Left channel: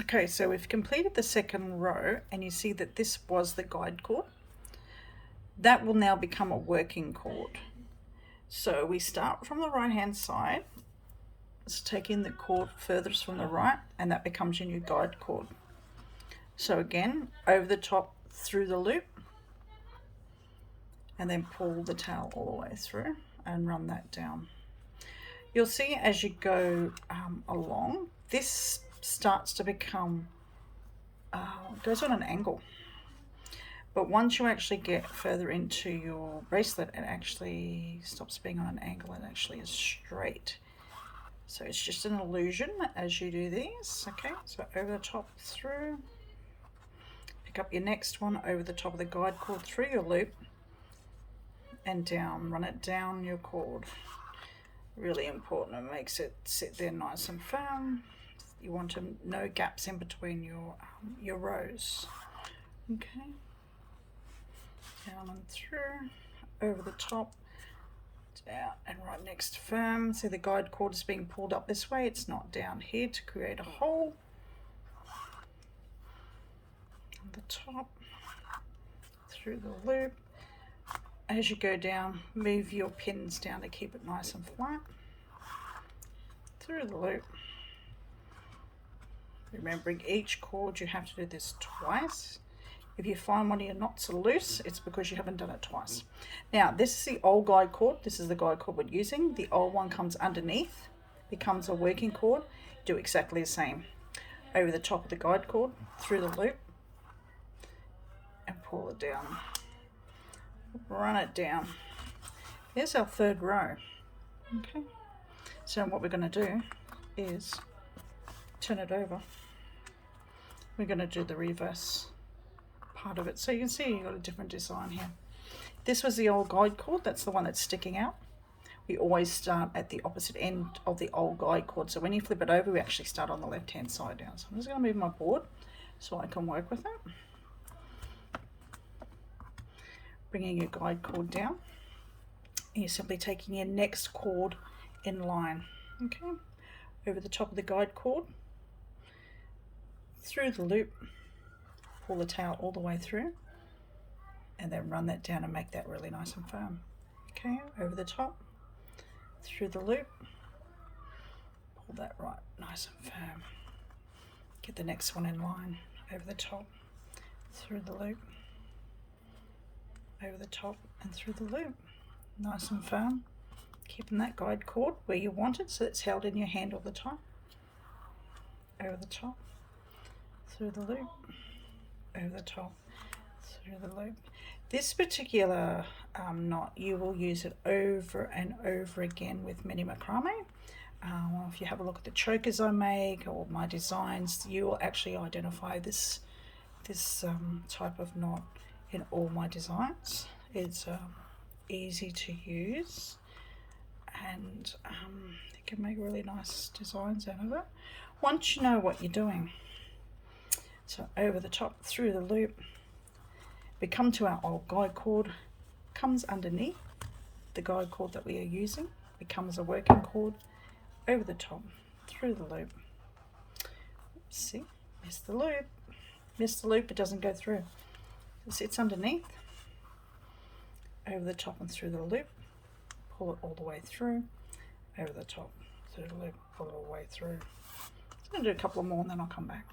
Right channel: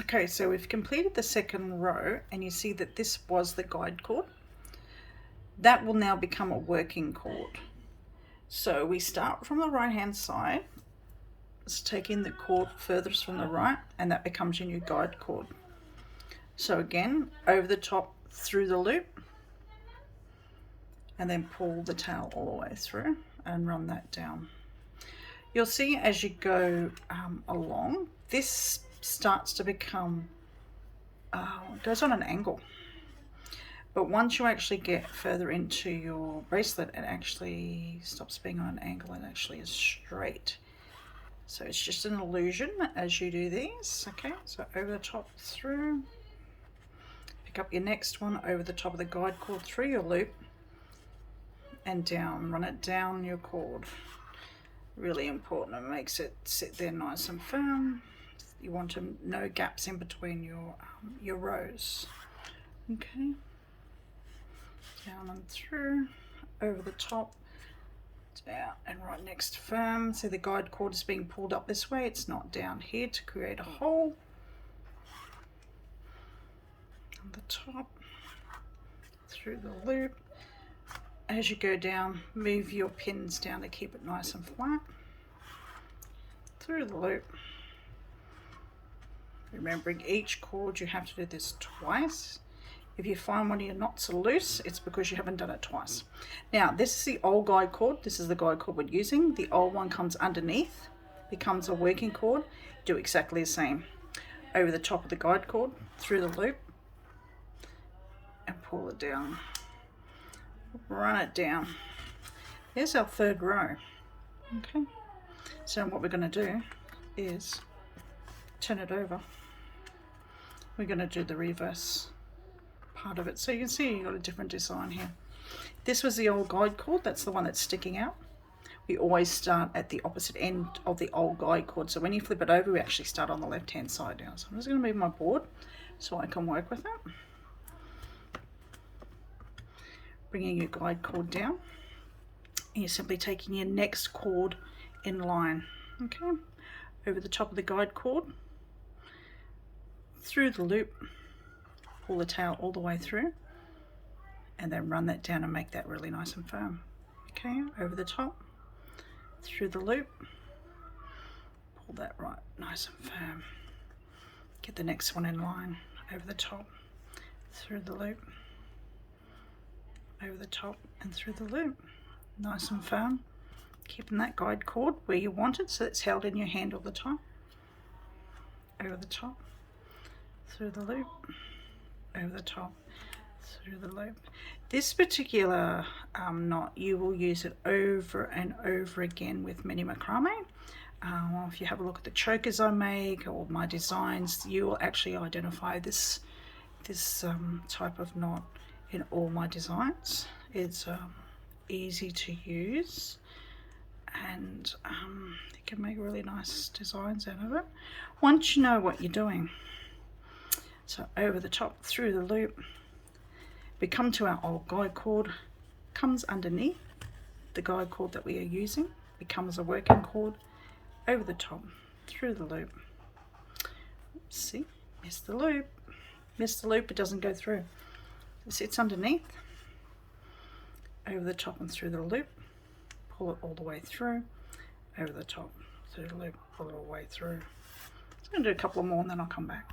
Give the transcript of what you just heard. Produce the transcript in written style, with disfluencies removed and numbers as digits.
Okay, so we've completed the second row, and you see that this was the guide cord. That will now become a working cord. So we start from the right hand side, let's take in the cord furthest from the right, and that becomes your new guide cord. So again, over the top through the loop, and then pull the tail all the way through and run that down. You'll see as you go along, this starts to become, goes on an angle. But once you actually get further into your bracelet, it actually stops being on an angle and actually is straight. So it's just an illusion as you do these. Okay, so over the top through, pick up your next one over the top of the guide cord through your loop and down, run it down your cord. Really important, it makes it sit there nice and firm. You want no gaps in between your rows. Okay, down and through, over the top, down and right next to firm. See the guide cord is being pulled up this way, it's not down here to create a hole. On the top, through the loop. As you go down, move your pins down to keep it nice and flat. Through the loop. Remembering each cord you have to do this twice. If you find one of your knots are loose, it's because you haven't done it twice. Now, this is the old guide cord. This is the guide cord we're using. The old one comes underneath, becomes a working cord. Do exactly the same. Over the top of the guide cord, through the loop, and pull it down. Run it down. There's our third row. Okay, so what we're going to do is turn it over. We're going to do the reverse part of it. So you can see you've got a different design here. This was the old guide cord, that's the one that's sticking out. We always start at the opposite end of the old guide cord, so when you flip it over we actually start on the left hand side down. So I'm just going to move my board so I can work with it. Bringing your guide cord down, and you're simply taking your next cord in line. Okay, over the top of the guide cord, through the loop, pull the tail all the way through, and then run that down and make that really nice and firm. Okay, over the top, through the loop, pull that right nice and firm. Get the next one in line, over the top, through the loop, over the top and through the loop, nice and firm, keeping that guide cord where you want it so it's held in your hand all the time. Over the top, through the loop, over the top, through the loop. This particular knot, you will use it over and over again with mini macrame. If you have a look at the chokers I make or my designs, you will actually identify this type of knot in all my designs. It's easy to use, and you can make really nice designs out of it once you know what you're doing. So over the top, through the loop, we come to our old guide cord, comes underneath the guide cord that we are using, becomes a working cord, over the top, through the loop. See, missed the loop, it doesn't go through. It sits underneath, over the top and through the loop, pull it all the way through, over the top, through the loop, pull it all the way through. I'm going to do a couple more and then I'll come back.